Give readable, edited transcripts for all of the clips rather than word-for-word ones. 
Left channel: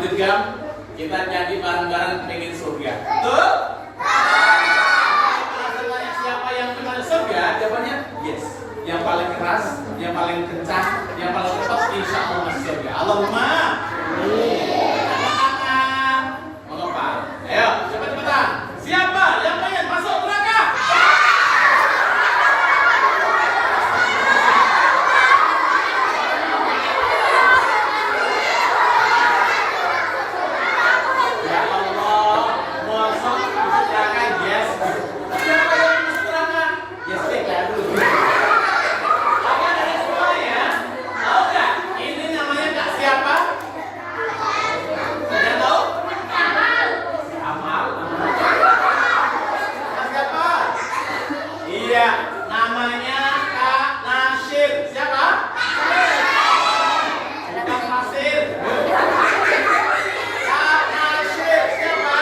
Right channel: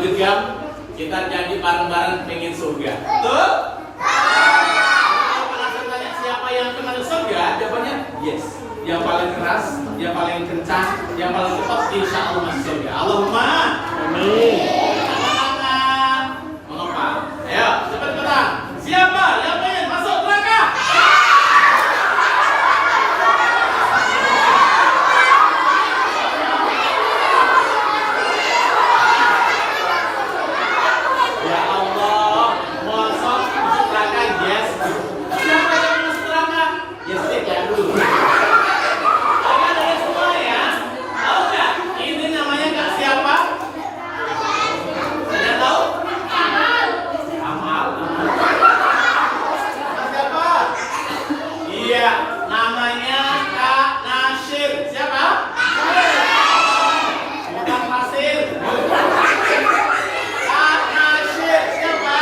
menggenggam, kita jadi bareng-bareng pengen surga. Betul? Kalau tanya siapa yang pengen surga, jawabannya yes. Yang paling keras, yang paling kencang, yang paling cepat, insya Allah masuk surga. Allahumma amin. Tangan mengepal. Ayo, cepat-cepatan. Siapa yang pengen masuk neraka? Ya Allah, masuk neraka, yes. Siapa yang masuk neraka? Yes, ya dulu. Namanya Kak Nasir. Siapa? Kak Nasir. Kak Nasir siapa?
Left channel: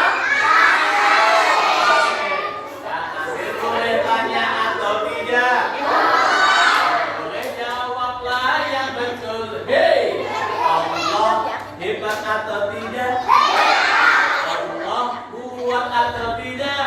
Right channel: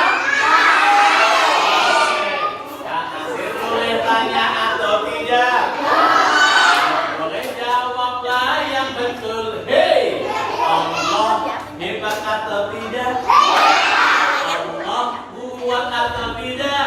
Kak Nasir boleh tanya atau tidak? Boleh jawablah yang betul. Hei, Allah hebat atau tidak? Allah kuat atau tidak?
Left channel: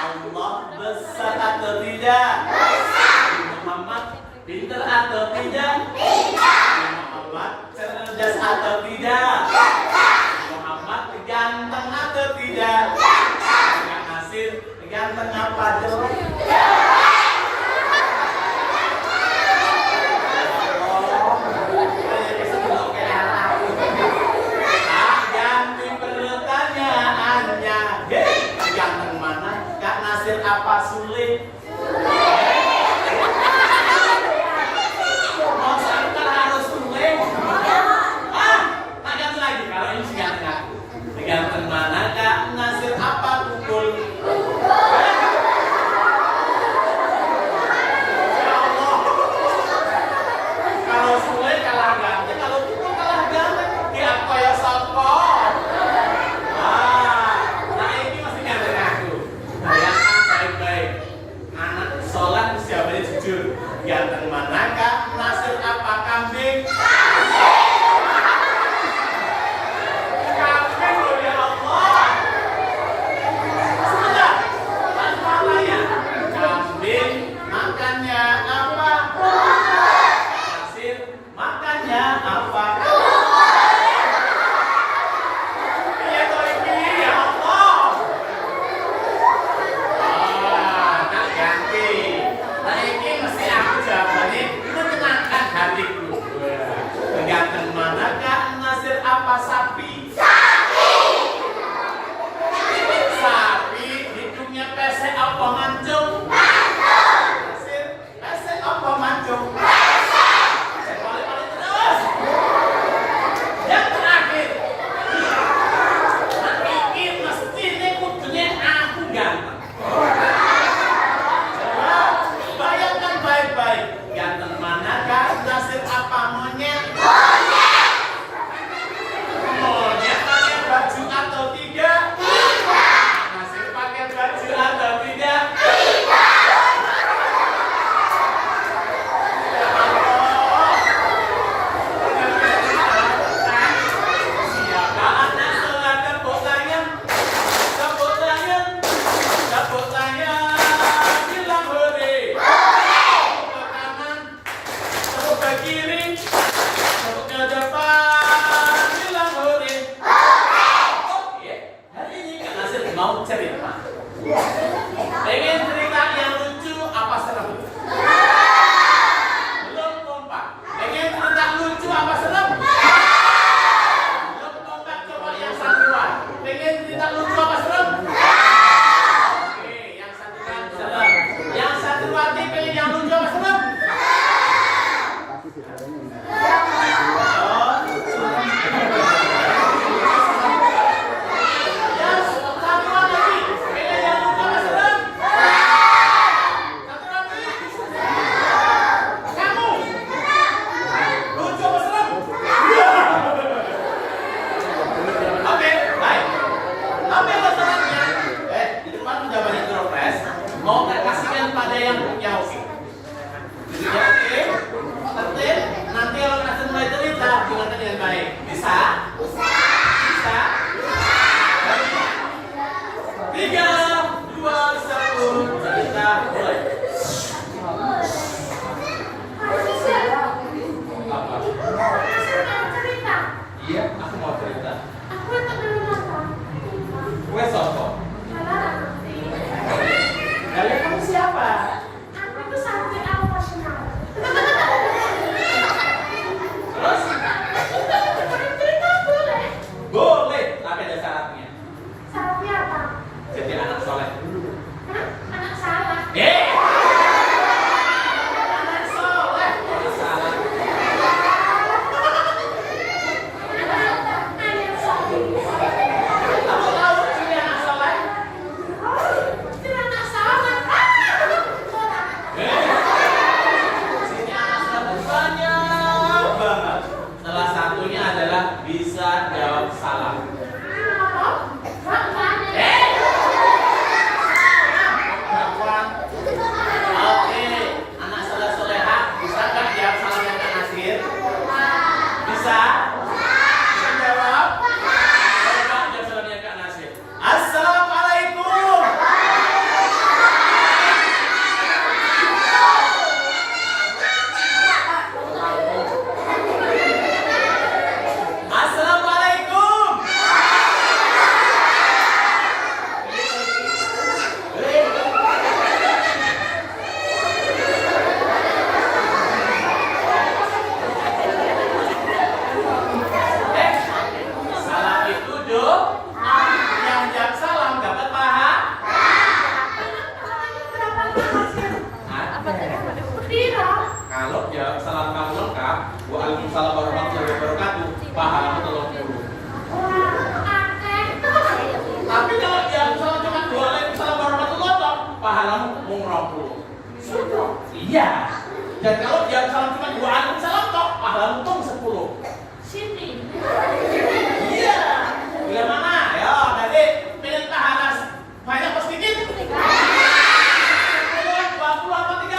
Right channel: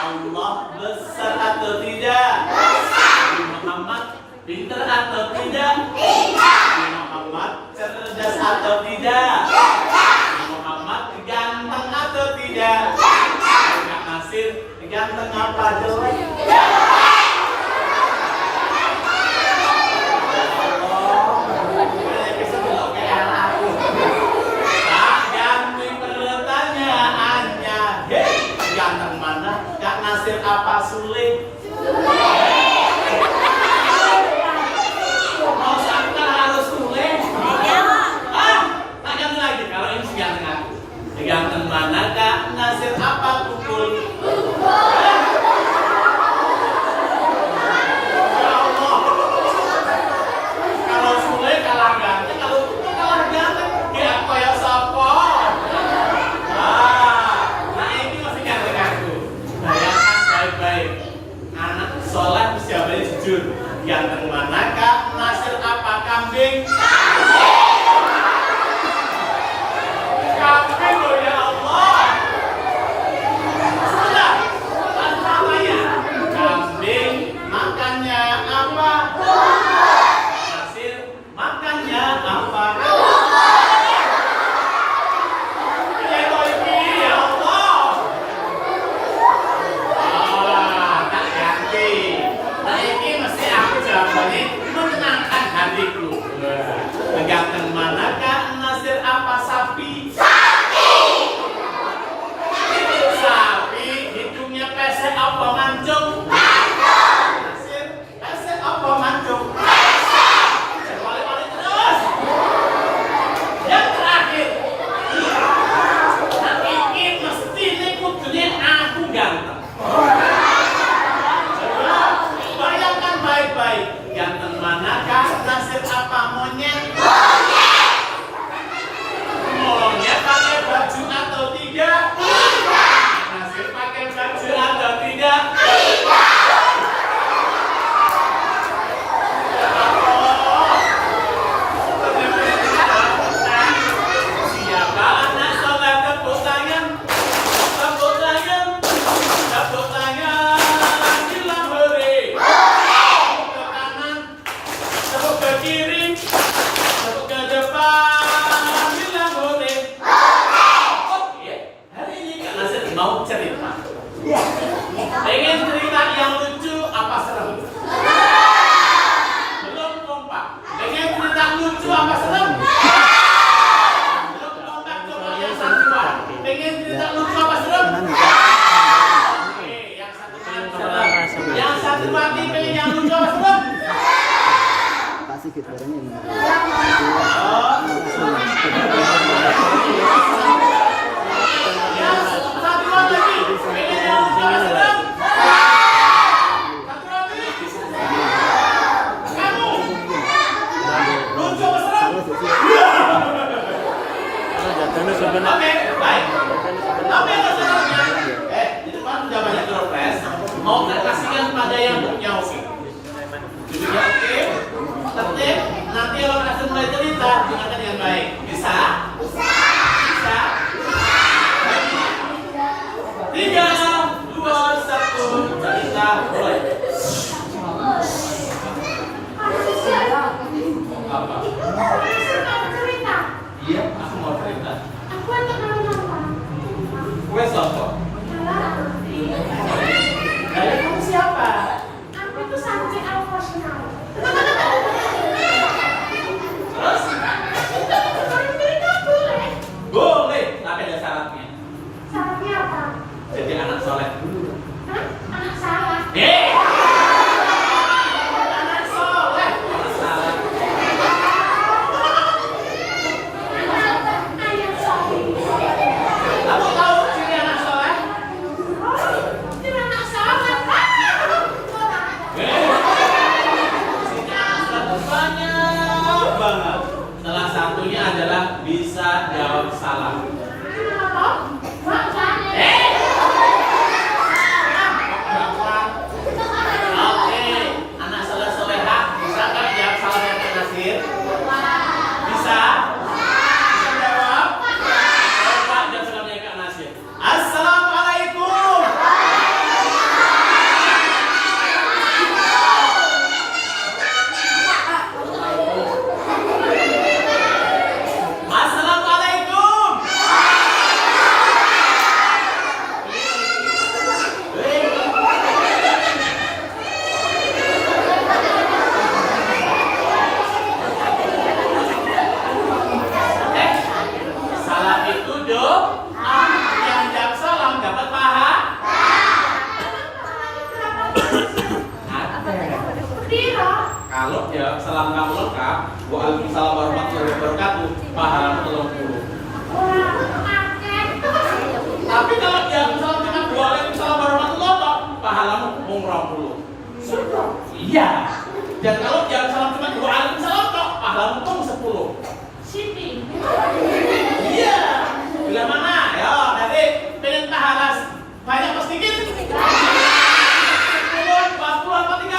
Allah besar atau tidak? Nabi Muhammad pintar atau tidak? Nabi Muhammad cerdas atau tidak? Nabi Muhammad ganteng atau tidak? Kak Nasir ganteng apa jelek? Apa sulit? Mau sampai harus sulit? Tak ganti lagi. Kalau ini sih ganteng aku. Ganteng mana Kak Nasir apa pukul? Aku mau cerita. Aku yang kenal nama. Kue sopo. Kalian kamu siapa? Aku itu santri Al-Fasnal. Terus? Cerita boleh. Boleh, tapi ada syaratnya. Syaratnya apa? Jadi anak soleh dulu. Hah? Anak saya. Anak soleh. Anak salah. Ayat soleh. Kamu tahu ciri anak soleh? Oh, itu anak soleh. Ciri anak soleh banyak banget. Salah satunya adalah bisa jawab salam. Apa? Bang. Oke, anak soleh solehah bisa nggak jawab salam yang Kak Nasir? Bisa? Bisa jawab? Coba jawab salamnya Kak Nasir. Assalamualaikum. Assalamualaikum. Salam itu doa. Yang jawab salam dapat pahala. Piro? Kalau jawab salam kamu lengkap, waalaikumsalam warahmatullahi wabarakatuh, pahala 30. Wah, akeh. Tapi kalau jawab salam cuma waalaikumsalam warahmatullahi wabarakatuh, pahalamu mung 20. Sudah. Iya. Dan kalau jawab salam cuma waalaikumsalam tok, pahalamu pun 10. Siti. Iya. Bila mana? Ya, nanti pilih pahala banyak apa sedikit? 10, 20 apa 30?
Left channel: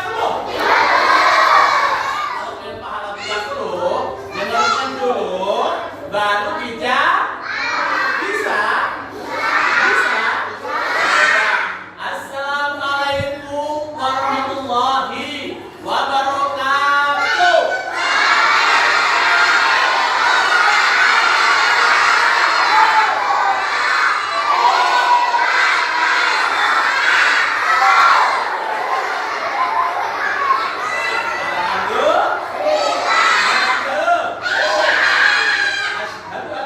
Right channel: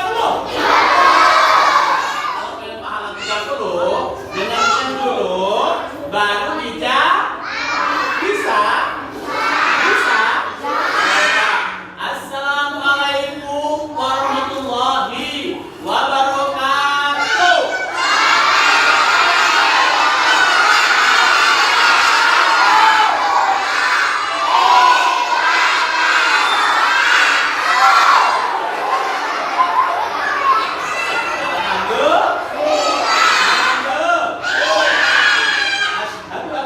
Kalau pilih pahala 30, dengarkan dulu, baru bijak. Bisa? Bisa? Assalamualaikum warahmatullahi wabarakatuh. Asyhadu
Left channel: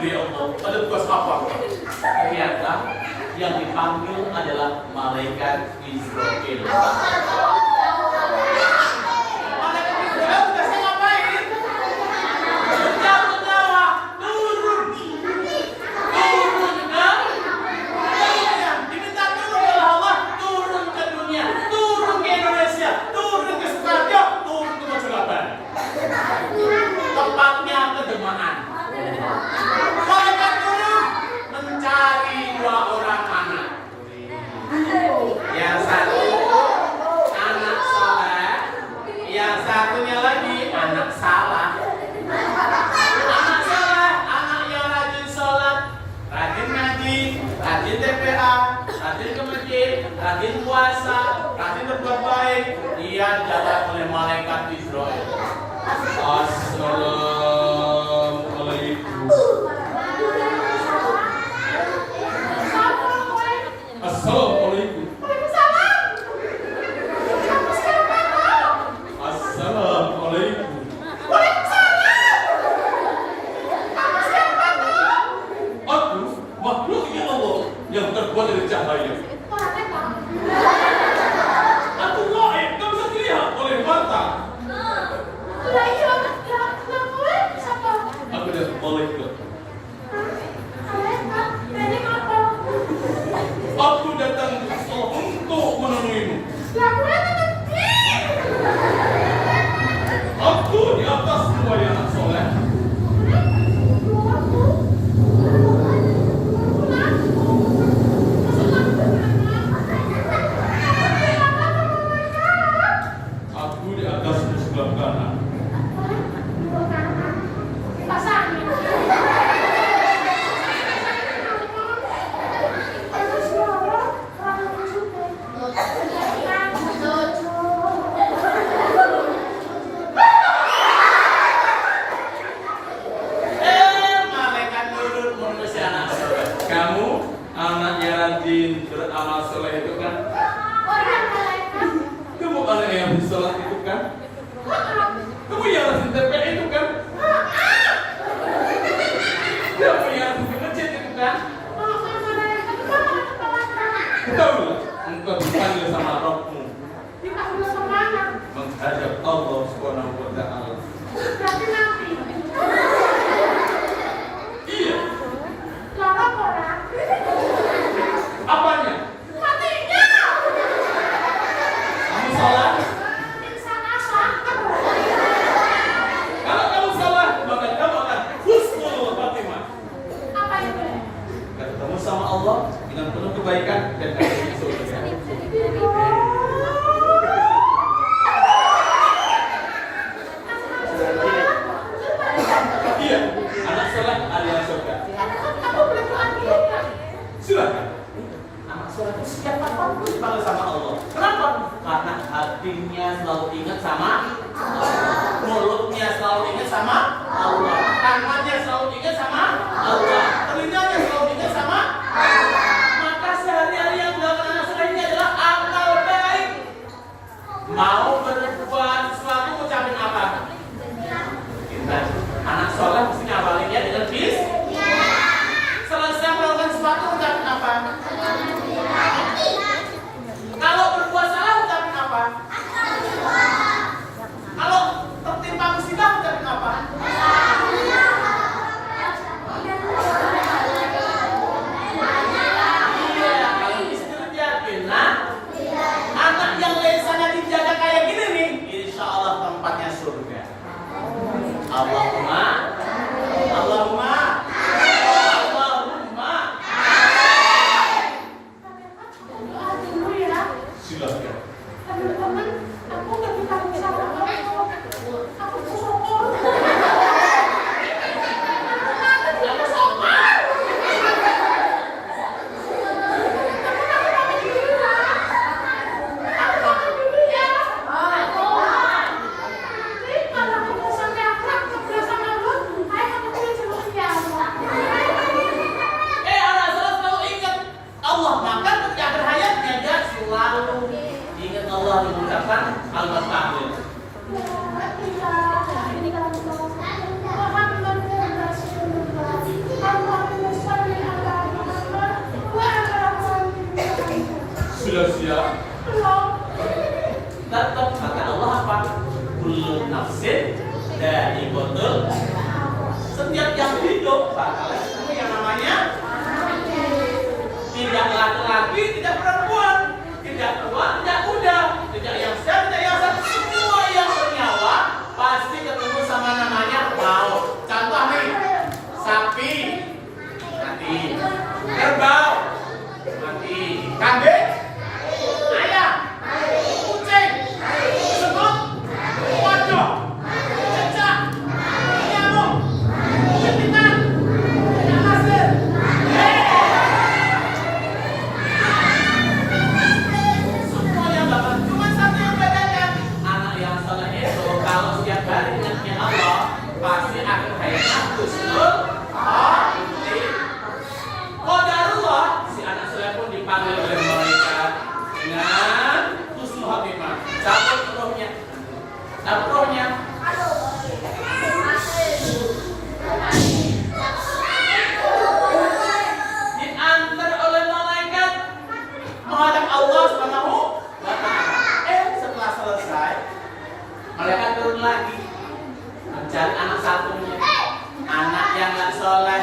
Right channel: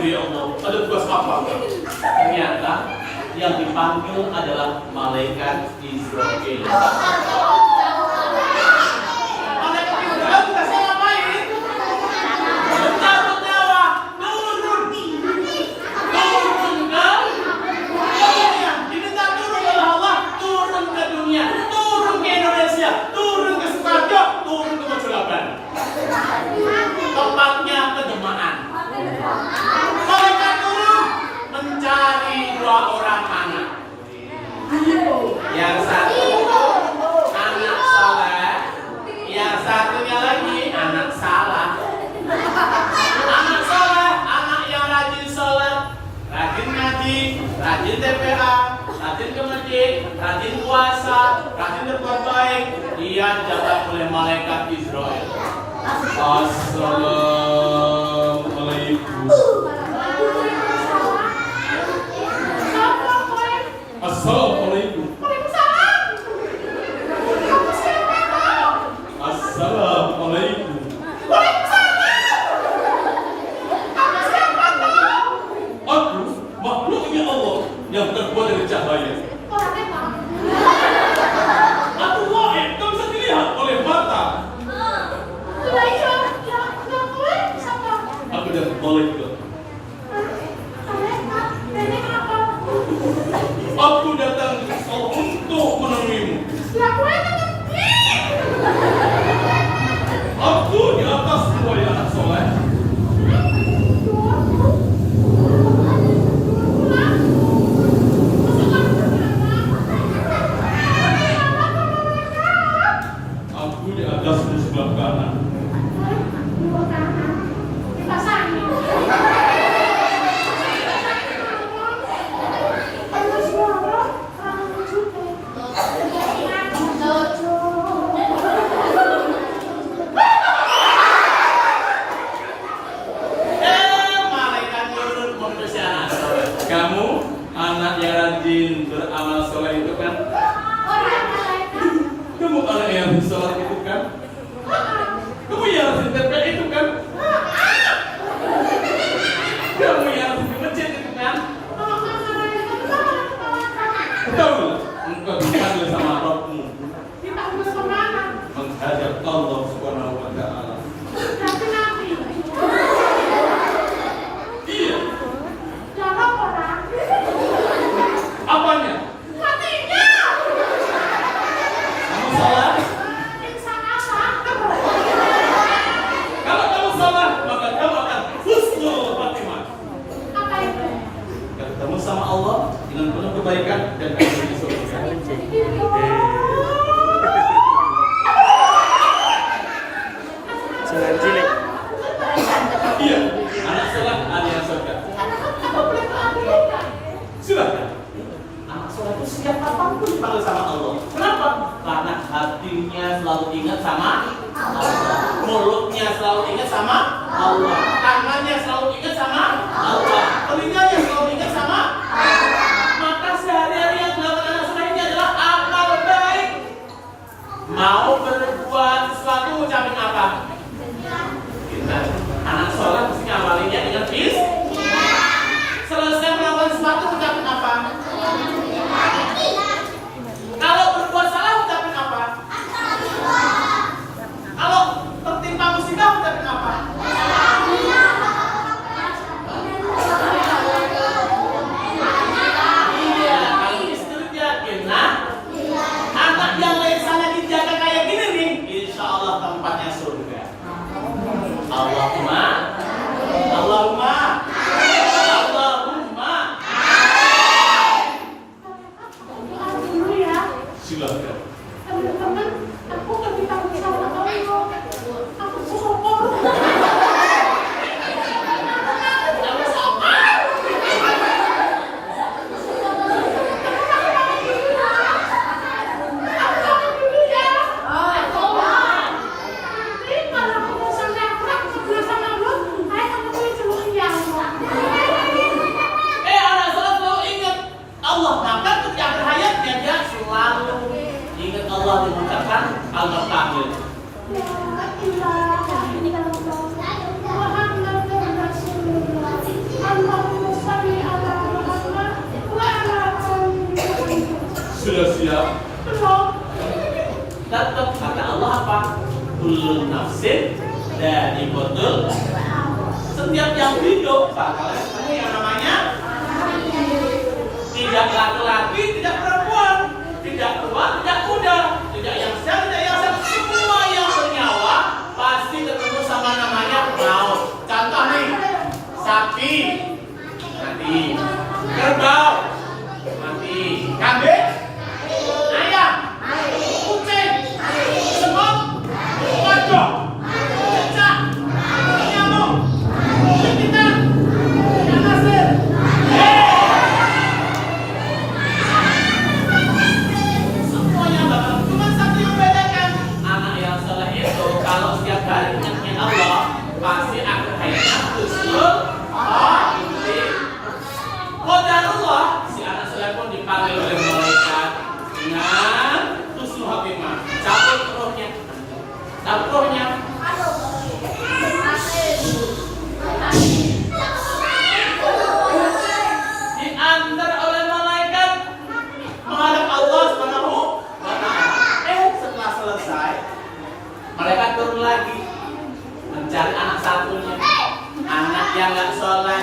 gitu ya Allah. Ada tugas apa? Ternyata yang dipanggil adalah malaikat Israel. Malaikat Israel tugasnya ngapain? Mencabut nyawa, turun ke dunia. Diminta turun oleh Allah, turun ke dunia, turun ke Indonesia, turun ke Sukarjo, turun ke Mojolaban. Tempatnya kedemaan. Malaikat turun mencari 2 orang anak. Yang satu anak soleh, yang satunya lagi anak salah. Anak soleh, anak yang rajin sholat, rajin ngaji, rajin TPA, rajin ke masjid, rajin puasa, rajin berbuat baik. Dia dijaga oleh malaikat Israel. Assalamualaikum. Assalamualaikum. Assalamualaikum. Aku makhluknya Allah yang terbuat dari cahaya. Aku gaib, tak bisa dilihat oleh mata. Aku adalah malaikat. Aku datang untuk menemuimu. Aku di atas semua yang anak soleh. Aku di atasmu sebelah kanan. Kamu anak yang rajin beramal soleh itu kan? Kamu anak yang rajin sholat itu kan? Kamu yang rajin TPA itu kan? Kamu yang rajin masjid itu kan? Tahu nggak? Engkau dipanggil sama Rabbmu. Menghadap Allah Subhanahu wa Ta'ala. Iya. Apanya? Matinya. Kamu salah. Kalau kamu salah, maka kamu akan husnul khatimah. Apa itu? Ketemu sama Allah dengan penuh kebaikan dan akan di surga. Iya, anak soleh alias surga. Aku boleh doa dulu nggak? Silahkan. Anak soleh itu siapapun dipanggil sama Allah. Kenapa? Karena hatinya selalu ingat sama Allah, mulutnya selalu ingat sama Allah, tangannya selalu ingat sama Allah, telinganya selalu ingat sama Allah. Maka sehari-hari yang dilakukan anak soleh ini adalah amal baik. Mau berbuat sesuatu ucapin apa? Kita anak soleh mesti ngawalinnya dengan bis. Selesai melakukan sesuatu ucapin apa? Kalau berbuat salah ucapin apa? Kalau tertimpa musibah ucapin apa? Iya, kalau istri yakin, nah anak yang lesannya dijaga kayak gini nih, insya Allah tempatnya surga. Allahumma, Allahumma, Allahumma. Doa dulu ya. Silakan. Teman-teman, aku nggak dipanggil sama Allah. Aku sokong. Aku sokong. Aku pamit dulu ya. Nanti kalau aku sampai akrab, sebelah sama Jadi betul. Setiap yang hidup bakal ketemu yang namanya tidak laki-laki, tidak perempuan, tidak tua, tidak muda, tidak yang sehat, tidak yang sehat. Semua yang bernyawa pasti ketemu sama namanya maut. Contoh nih, sapi mati, kerbau mati, kambing, ayam, kucing, semut, kodok, cicak, nyamuk, pimpinan, ikan asin. Semuanya bakal cuma satu yang bedakan. Anak yang soleh itu kalau setiap hari ingat Allah pasti akan hayatnya husnul khotimah. Qadarullah, si anak soleh pun dipanggil oleh malaikat dengan husnul khotimah. Cabut rohnya, cabut rohnya. Diantar oleh malaikat menghadap Allah Subhanahu wa Ta'ala. Setelah selesai, malaikat turun lagi mencari anak satunya, anak yang nggak soleh,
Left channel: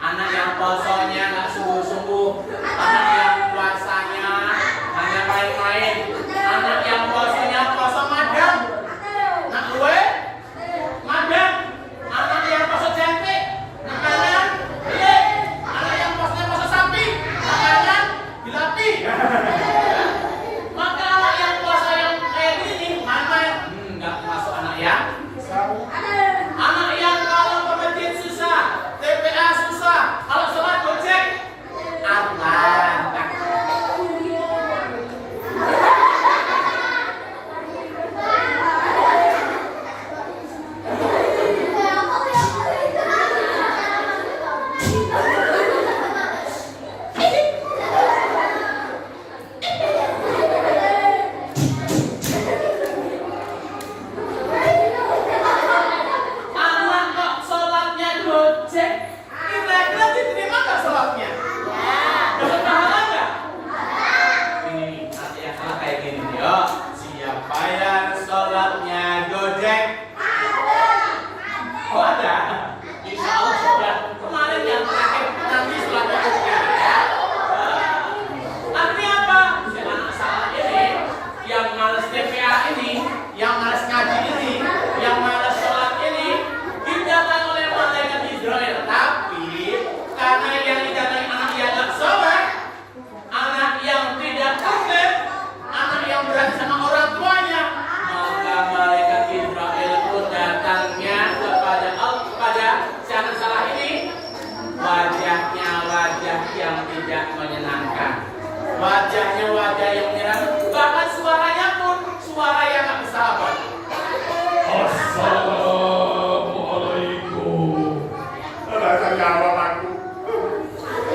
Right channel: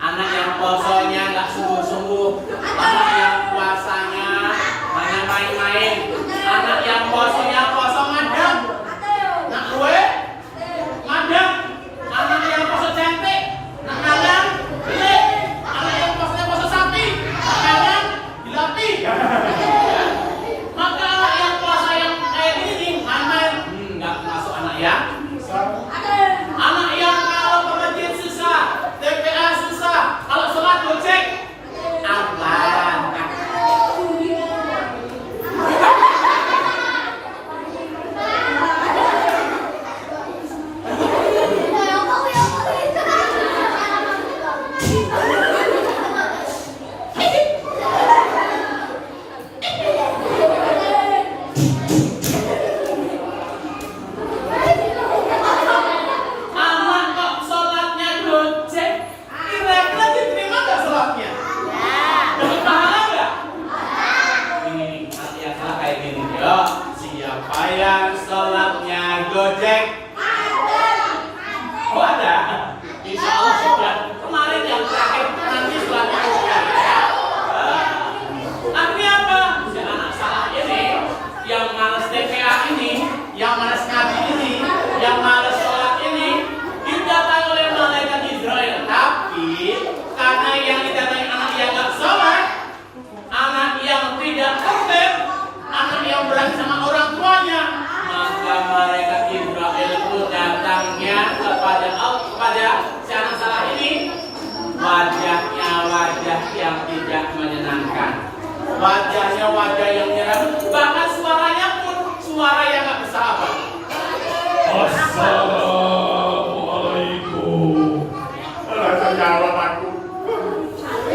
anak yang posonya nggak sungguh-sungguh, anak yang puasanya hanya main-main, anak yang posonya poso madang, nak luwe madang, anak yang poso jengkrik, nak kangen beli, anak yang posonya poso sapi, nak kangen dilatih. Maka anak yang puasa yang kayak gini main-main nggak masuk anak yang kalau ke masjid susah, TPA susah, kalau sholat gojek aman. Anak kok sholatnya gojek, kira-kira diterima nggak sholatnya? Dapat pahala nggak? Ini nanti yang salah kayak gini, yo. Siapa yang sholatnya gojek? Oh ada? Insya Allah sudah. Kemarin yang terakhir, nanti sholatnya gojek. Artinya apa? Si anak salah ini, yang males TPA ini, yang males ngaji ini, yang males sholat ini, didatangi oleh malaikat Israel. Tapi karena yang didatangi anak yang gak sholat, anak yang tidak tertib, anak yang berani sama orang tuanya, maka malaikat Israel itu datangnya kepada si anak salah ini, wajahnya wajah yang tidak menyenangkan, wajahnya wajah yang menyenangkan, bahkan suaranya pun suara yang gak bersahabat. Assalamualaikum. Rasa jawab aku.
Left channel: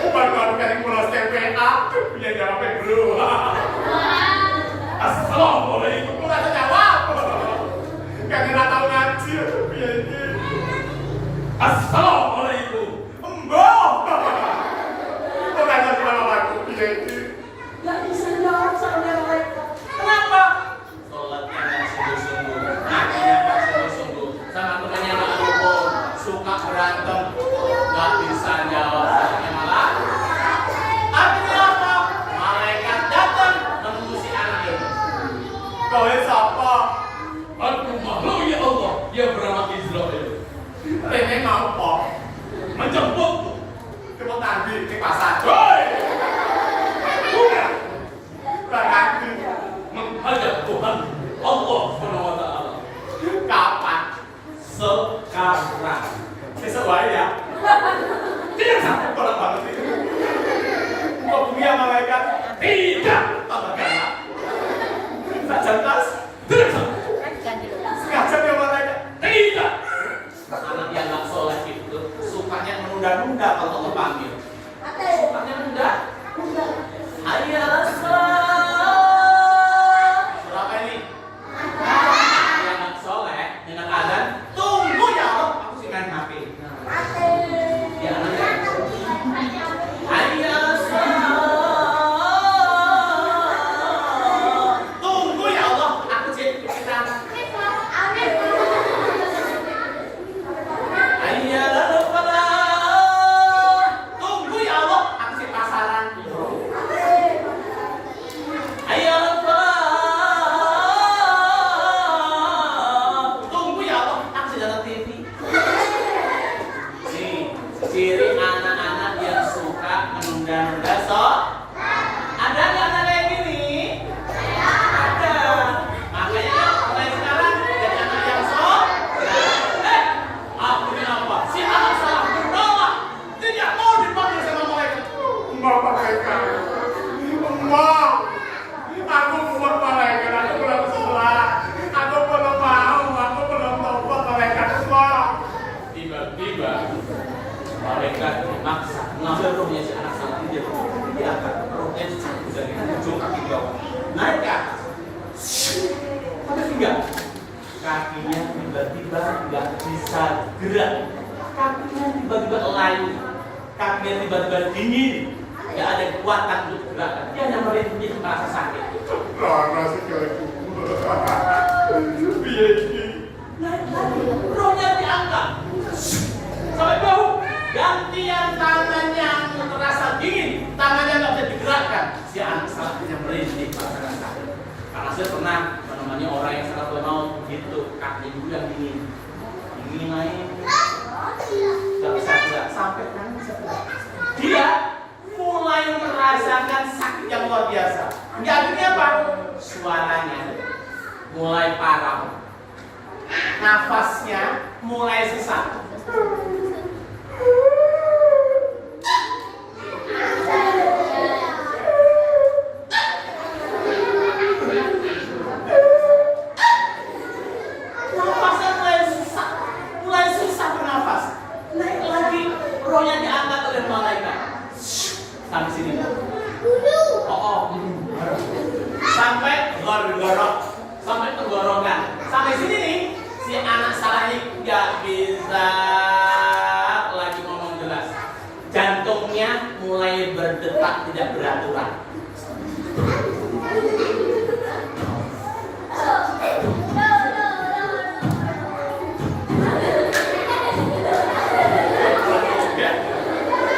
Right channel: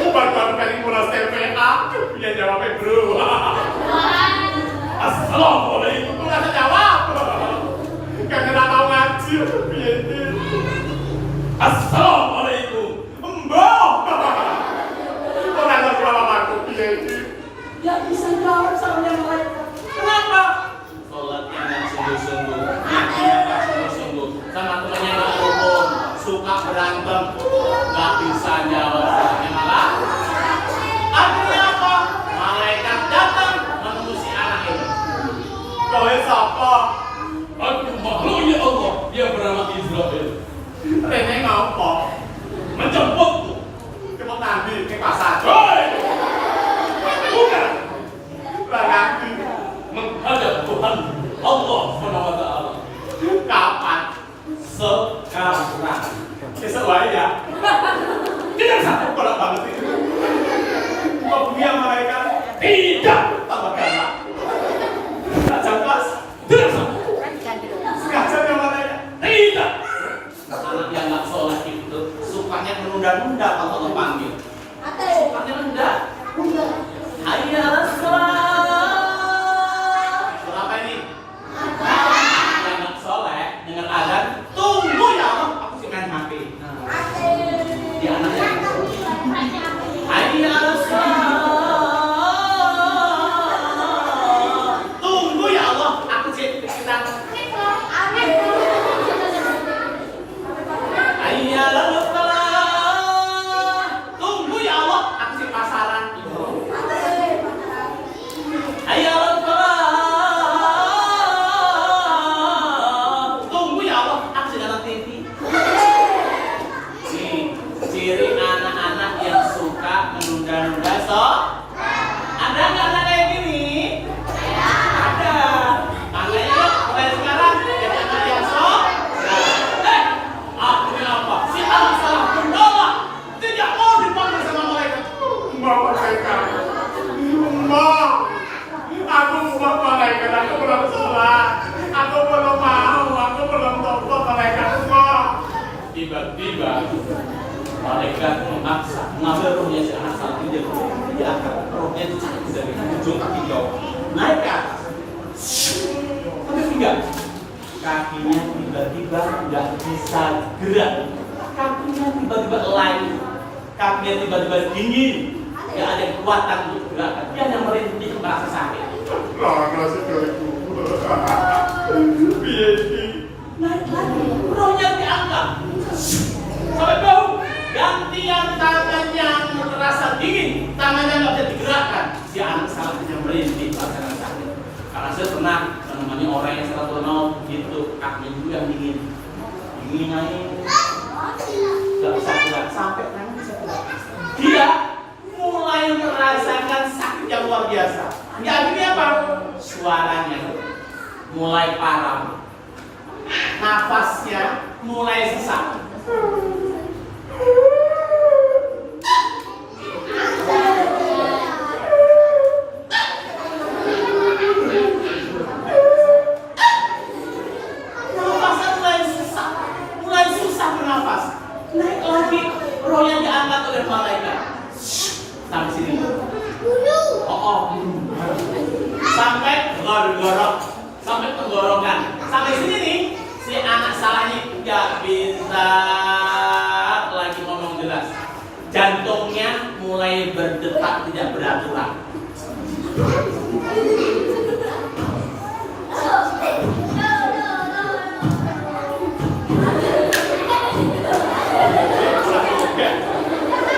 Baru kali mulai TPA, punya jawabnya bro. Assalamualaikum. Rasa jawab. Karena tak tahu ngaji. Assalamualaikum. Mbak. Orang tahu jawab aku. Gak bisa jawab soalnya malaikat. Kenapa? Sholatnya nggak sungguh-sungguh, ngajinya nggak sungguh-sungguh, sama temannya nggak rukun, suka berantem, nggak bisa jawab sholatnya malah. Artinya apa? Malaikat datang menemui si anak ini. Kau siapa? Aku makhluk ya Allah yang bernama Israel. Rene ngapa? Menjemputku. Jemput Nabi di pasar. Hei! Bukan. Berarti menghadap Tuhan Allah Subhanahu wa Ta'ala. Kapan? Sekarang. Sesuai ya? Tidak sampai kolak banget itu. Kok bumi yang malaikat? Tidak. Tambah galak. Tak jangkas? Tidak sampai. Sengaja yang malaikat? Tidak. Anak yang gak soleh itu sukanya menunda-nunda kalau Allah panggil. Sukanya menunda. Hayya as-salat. Berapa ini? Yang gak soleh dengan azan, tunggu ya Allah, aku sih main HP. Dia anaknya. Hayya as-salat. tiba-tiba malaikat memaksa mengambil rohnya si anak salah dia akan rohnya jatuh dari ujung kaki bawah naik ke atas sampai pinggang. Kakinya tiba-tiba nggak bisa gerak, kakinya tiba-tiba layu, kakinya tiba-tiba dingin, nggak ada kekuatan untuk gerakan. Dia hanya merintih merasa sakit. Rana sekali Naik lagi, rohnya diangkat sampai bau. Gantian tangannya terasa dingin, tangannya nggak bisa digerakkan. Si anak salahnya merintih merasakan sakit. Karena saya pernah menemani orang yang seratul maut gitu, kakinya juga yang dingin naik, nggak bisa gerak sampai tangan bisa gerak. Dia mulai merasakan sakit yang luar biasa. Jadi apa? Suaranya mulai parau, nafasnya mulai sesak. Mulai susah bernafas. Naik lagi, rohnya diangkat oleh malaikat. Sampai sini. Sampai tenggorok, sampai tenggorokan. Sampai sini nih, si anak salahnya nggak bisa lagi ngomong jelas. Jantungnya mulai berdetak tidak beraturan.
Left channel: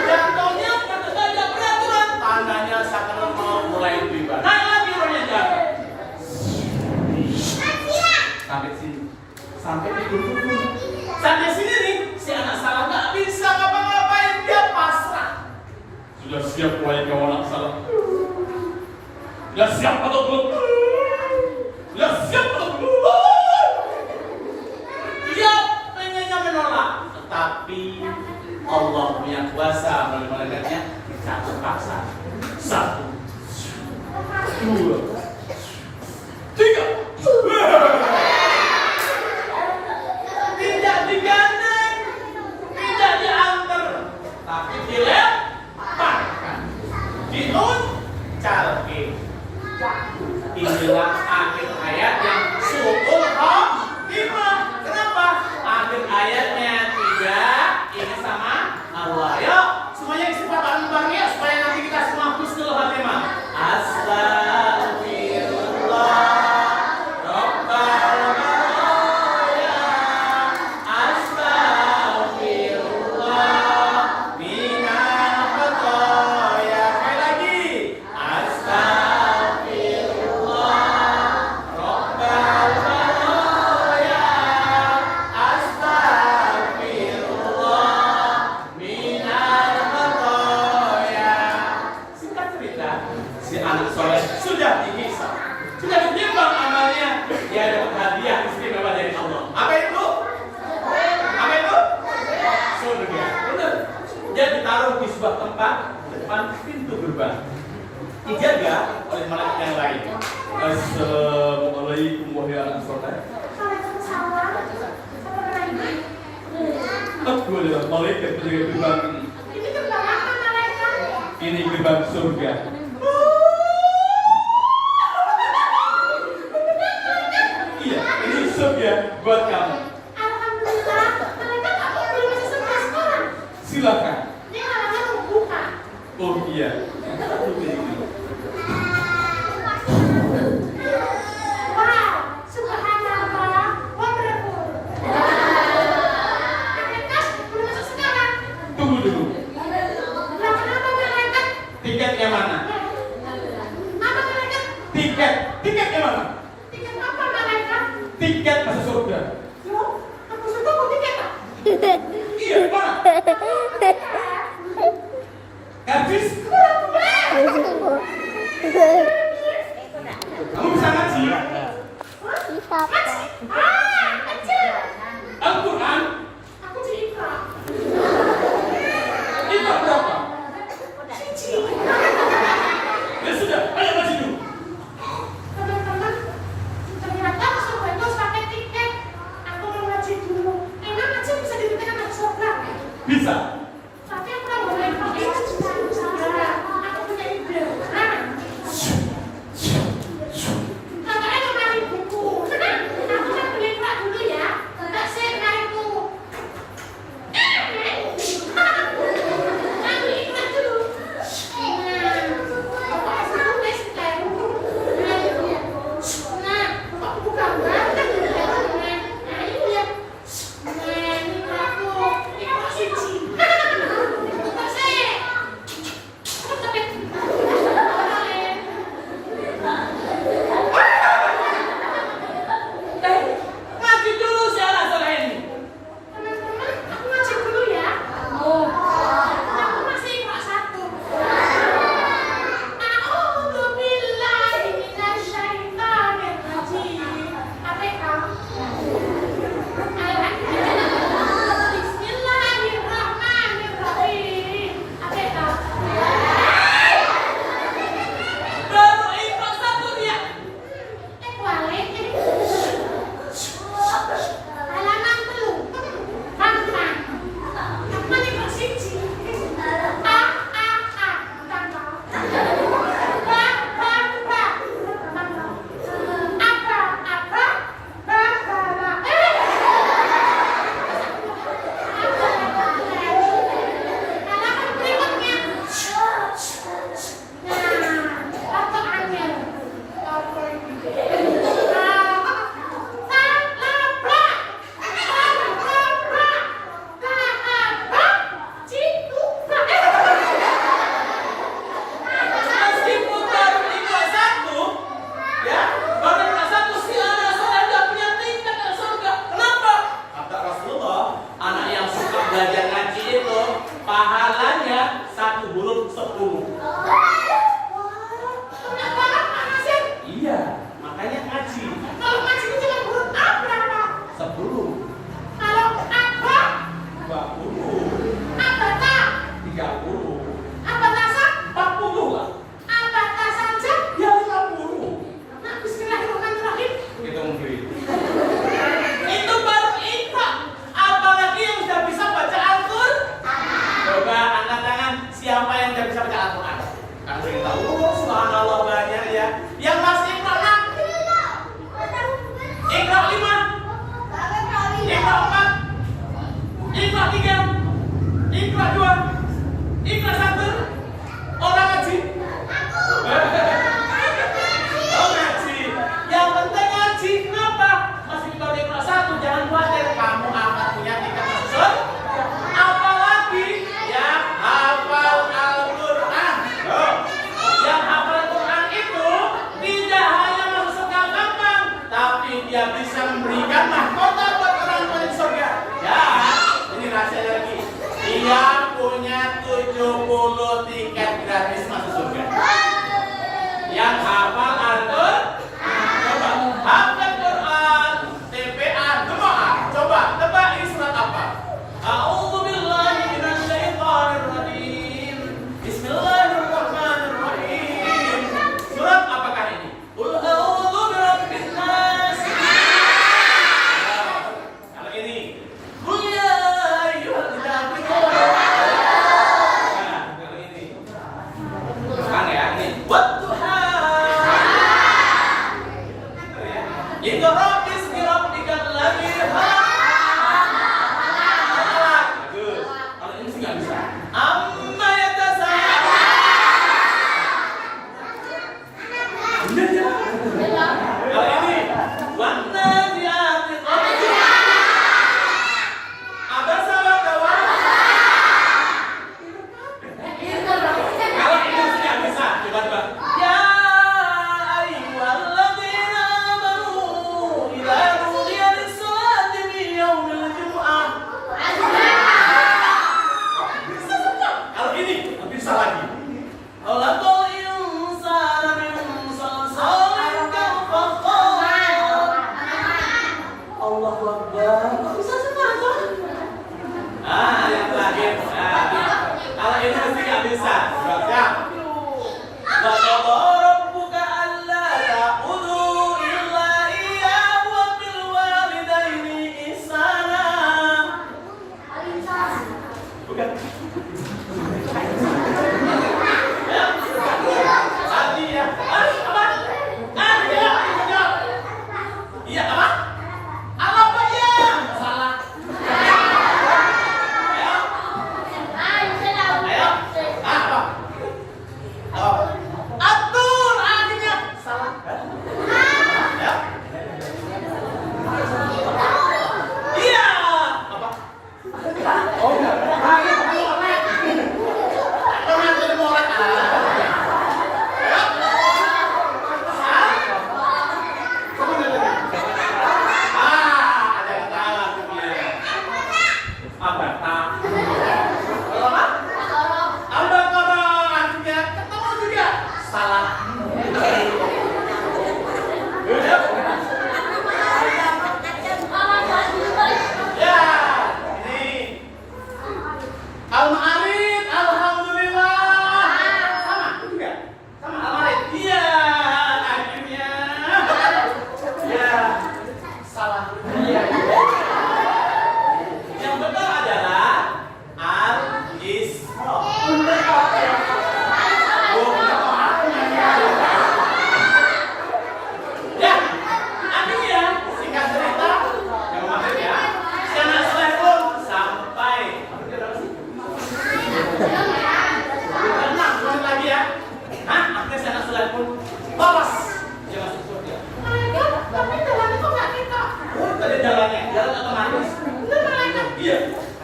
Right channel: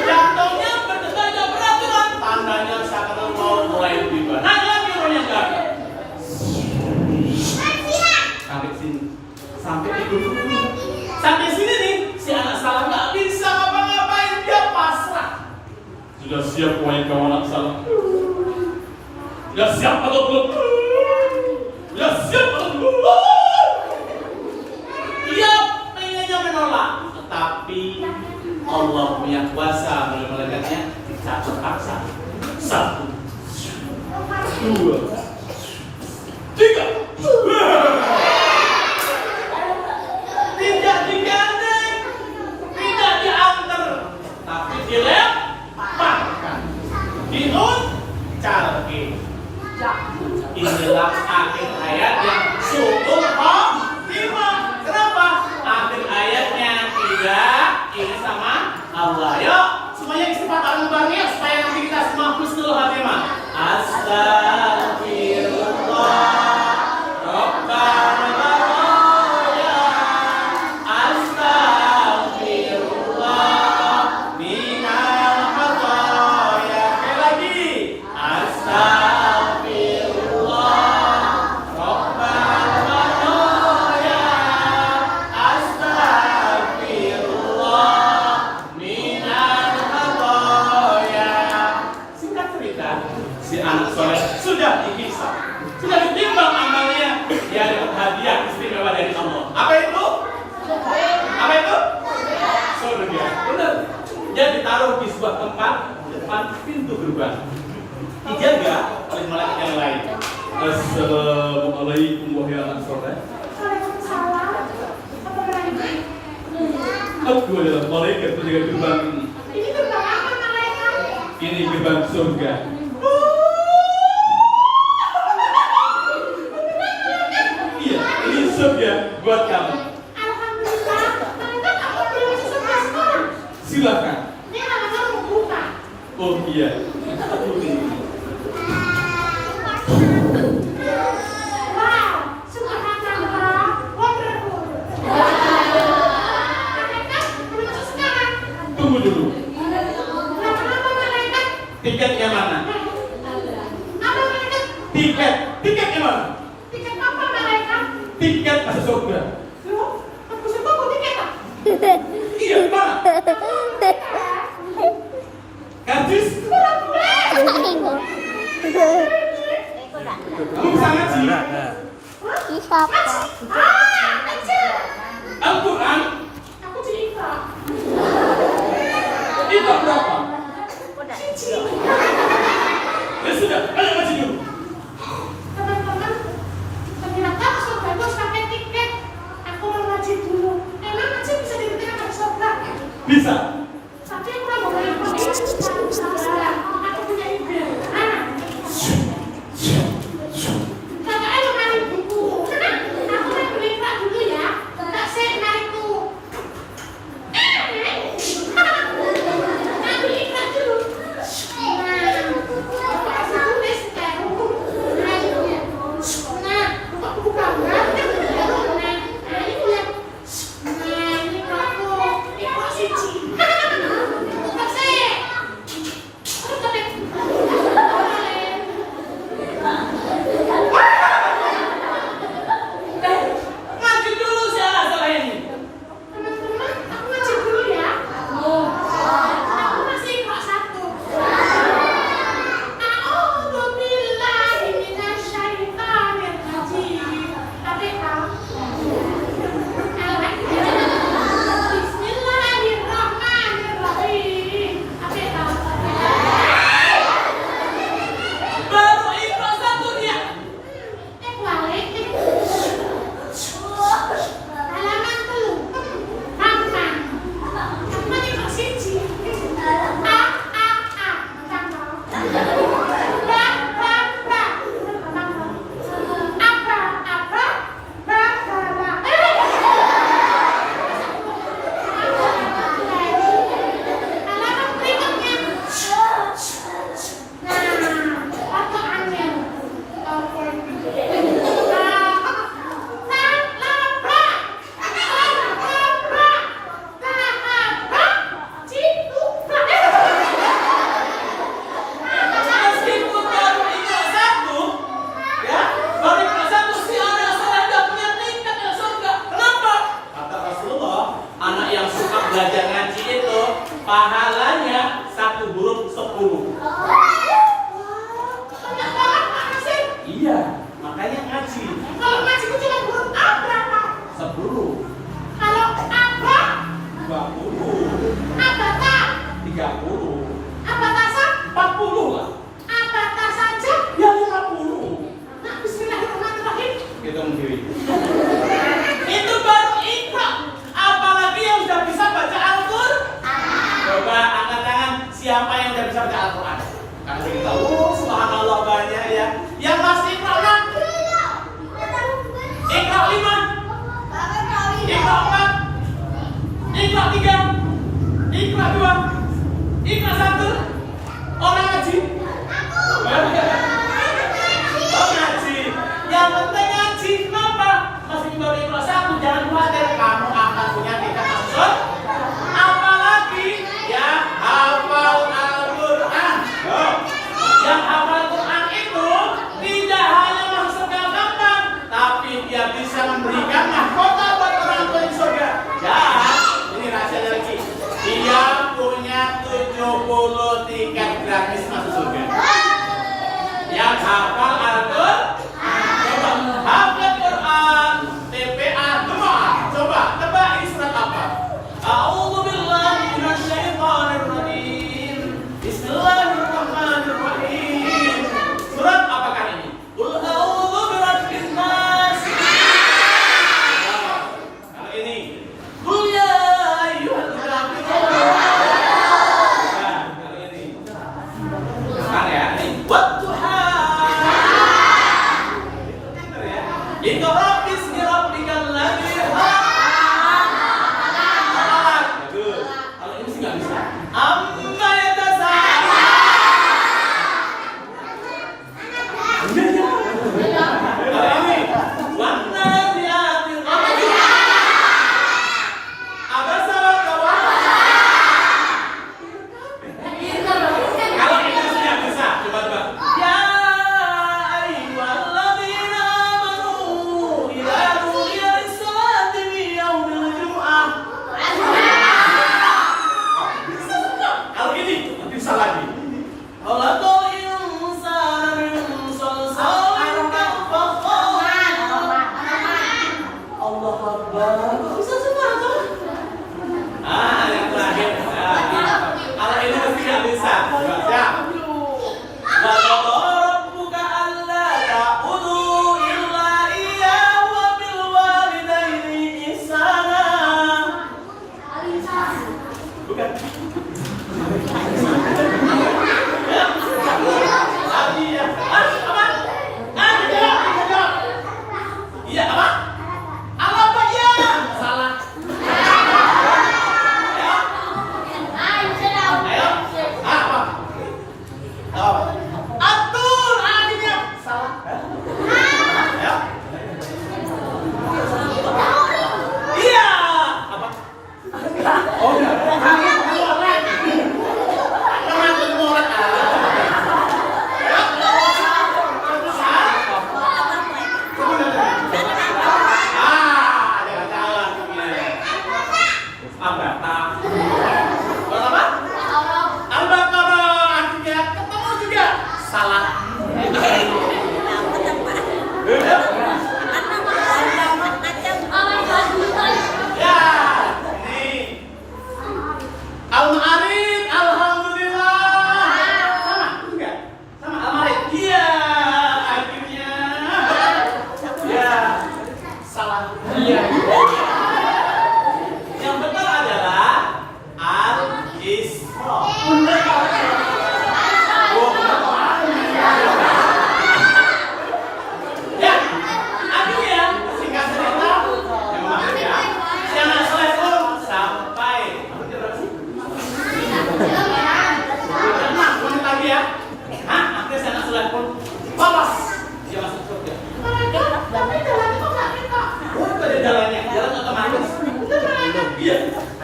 Jantungnya berdetak tidak beraturan, tandanya sakaratul maut mulai tiba. Naik lagi rohnya nggak. Sampai sini, sampai tidur. Sampai sini nih, si anak salah nggak bisa ngapa-ngapain, dia pasrah. Sudah siap wahai kau anak salah? Sudah siap atau belum? Sudah siap atau belum? Dia pengennya menolak, tetapi Allah punya kuasa melalui malaikatnya, tidak terpaksa. 1, 2, 3. Tidak digandeng, tidak diantar, tapi dilemparkan, diuncalkan. Inilah akhir ayat yang syukur khotimah. Kenapa? Akhir ayatnya tidak ini sama Allah. Yuk, semuanya istighfar bareng-bareng supaya nanti kita semua husnul khatimah. Astagfirullah. Si anak soleh sudah dihisab, sudah ditimbang amalnya, dia dapat hadiah istimewa dari Allah. Apa itu? Apa itu? Surga. Benar. Dia ditaruh di sebuah tempat depan pintu gerbang, dijaga oleh malaikat yang lain. Assalamualaikum wahai anak soleh. Waalaikumsalam. Apa pernah ini? Aku adalah malaikat penjaga gerbang ini. Ini gerbang apa malaikat? Ini gerbang surga. Surga buat kamu. Alhamdulillah, malaikat aku belum masuk surga sekarang. Silakan. Ini halaman mau buka. Oh iya. Wow, subhanallah, wonderful. Malaikat belum masuk sekarang. Tunggu dulu. Lah kenapa malaikat? Tiketnya mana? Apa malaikat? Tiketnya mana? Tiket apa malaikat? Tiket masuk surga. Loh, aku surga kok tiket ah? Iya, mana? Kartis? Kamu bisa ngaji? Siapa? Kecil. Al-Quran? Aku cerita. Itu berapa? Ya sudah, ayo ngaji dulu. Teman-teman, ternyata masuk surga itu harus pakai tiket. Aku mau ngaji dulu. Emang ngaji bisa diberikan Bisa. Tapi aku nggak boleh pakai. Aku punya ide. Kakaknya mau cari buku. Aku mau beli kerak dulu ya. Tak sih cariku. Aku ikut dulu. Nah, aku tulis tahu. Nah, aku buka enggak? Nah, ini lihat. Nah, ini aku. Ikut siji. Tak sih. Aku ketik. Ngaji dulu sih salah ini. Teman-teman, aku ngaji dulu ya. Aku masih kelas 1. A'udzu billahi minasyaitonir rajim. APK. Bismillahirrahmanirrahim. APK. Baru Iqra 1 dia. Balik. Halaman 3. Gampang. Aku ini kok siji. A. Tambah. Ba. Tambah. Apa. Ba. Halaman berikutnya. Nah, apa angin? Meskipun baru Iqra 1, ya, baru Iqra 1 si anak soleh nggak punya tingkat ke surga. Kenapa? Kata Rasulullah, anak yang suka belajar ngaji itu pahalanya 1 huruf 10. Iya, makanya ngaji 10, 20, 30, 40 lah. Ya 50. Hitung sendiri. Itu baru Iqra. Apalagi yang sudah bisa baca Al-Qur'an. Coba angkat tangan siapa yang sudah bisa baca Al-Qur'an. Karena saya tahu, subhanallah banyak ya. Yang pasti Iqra 6, Iqra 5, Iqra 4, Iqra 3, Iqra 2, Iqra 1. Orang ngaji. Oh ngaji. Yang penting ngaji. Kenapa? Masih baru Iqra 1, jangan khawatir kamu akan punya tingkat masuk. Apalagi ya hafal Al-Qur'an. Yang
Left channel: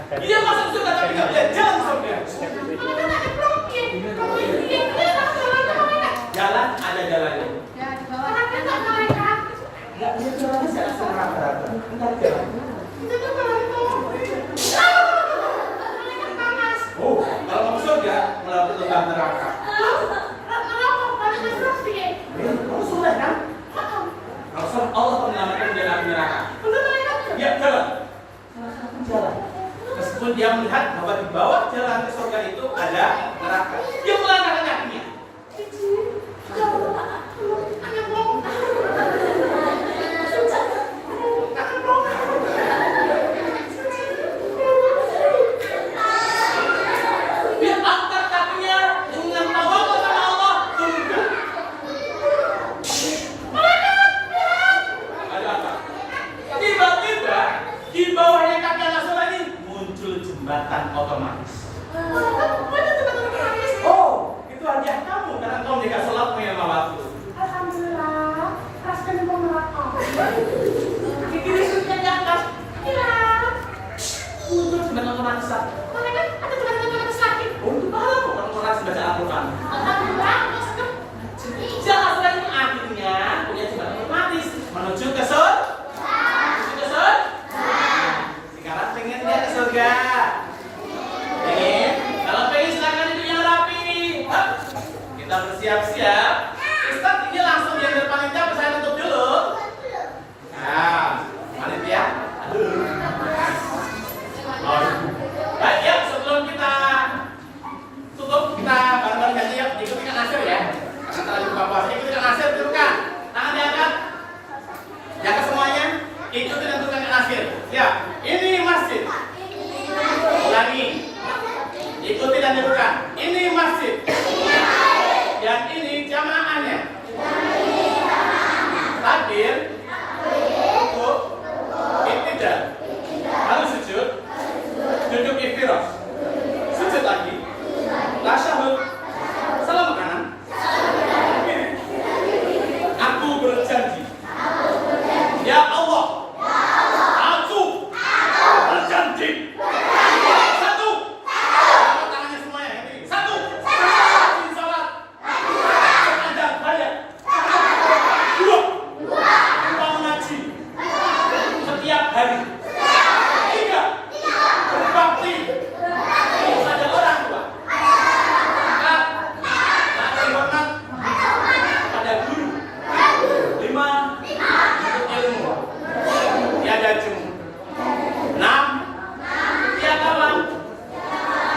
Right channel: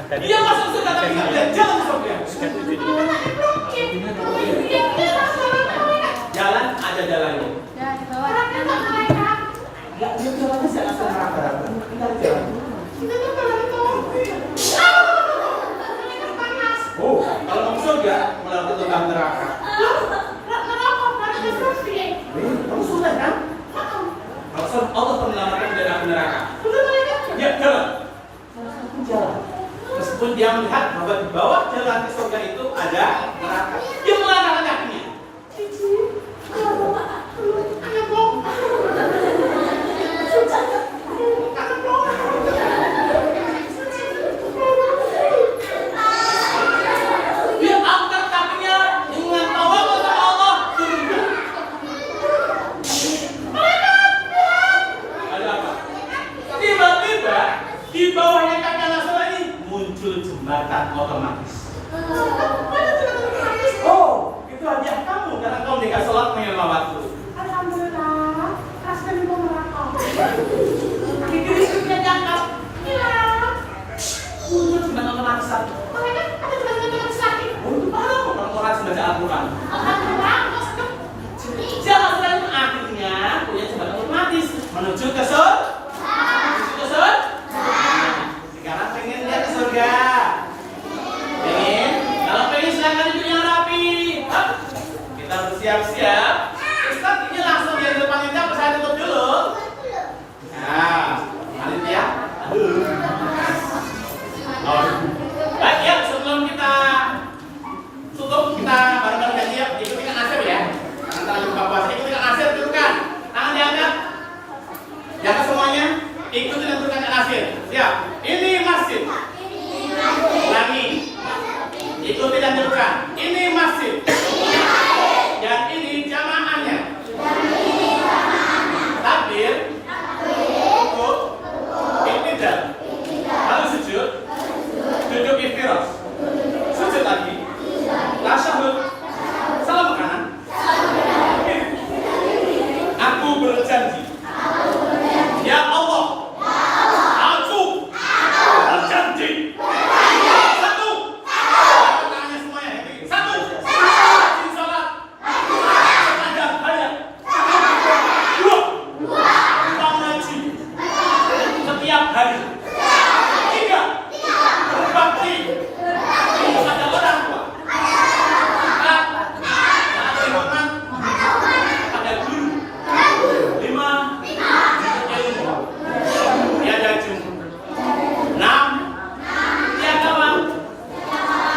Dia masuk surga tapi nggak punya jalan surga. Jalan ada jalannya. Nggak ada jalan bisa langsung neraka. Nggak ada jalan. Oh, kalau mau surga melewati lembah neraka. Kamu sudah kan? Kalau Allah menyelamatkan dari api neraka. Ya, jalan. Salah satu jalan. Meskipun dia melihat bahwa di bawah jalan ke surga itu ada neraka, dia melangkahkan kakinya. Dia angkat kakinya dengan tawakal kepada Allah surga. Ada apa? Tiba-tiba di bawahnya kaki anak soleh ini muncul jembatan otomatis. Oh, itu hadiah kamu karena kamu nikah sholat mengenal waktu. Alhamdulillah, kasih dan pemerintah. Kaki kiri sudah diangkat. Muncul jembatan otomatis. Mereka ada teman-teman sakit. Untuk apa orang orang baca Al-Quran? Alhamdulillah, Jalan selain akhirnya punya jembatan otomatis menuju ke surga. Sekarang pengen dia ke surga. Pengen? Kalau pengen silakan duduk yang rapi. Hap. Kita bersiap-siap. Ustaz ini langsung diambil panitia. Saya tutup dulu. Nah, panitia. Aduh. Oh. Baik ya, sebelum kita tutup, kita bareng-bareng ganti ya. Ikuti Kak Nasir ya. Antara buka puasa, ikuti Kak Nasir, tunjukkan. Tangan diangkat. Jaga semuanya. Ikuti dan tunjukkan Kak Nasir. Siap. Ini masjid. Ulangi. Ikuti dan tunjukkan. Ini masjid. Dan ini jamaahnya. Takbir. Rukuk. Iktidal. Lalu sujud. Duduk iftirosh. Sujud lagi. Tasyahud. Salam kanan. Aku berjanji. Ya Allah. Aku berjanji. Satu. Tangannya semuanya. Satu. Rajin salat. Sepanjang hayat. Dua. Kita ngaji. Setiap hari. Tiga. Berbakti pada orang tua. Empat. Memberi hormat pada guru. Lima. Menuntut ilmu. Tiada jemu. Enam. Tiada agama.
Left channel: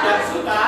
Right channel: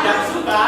Yang suka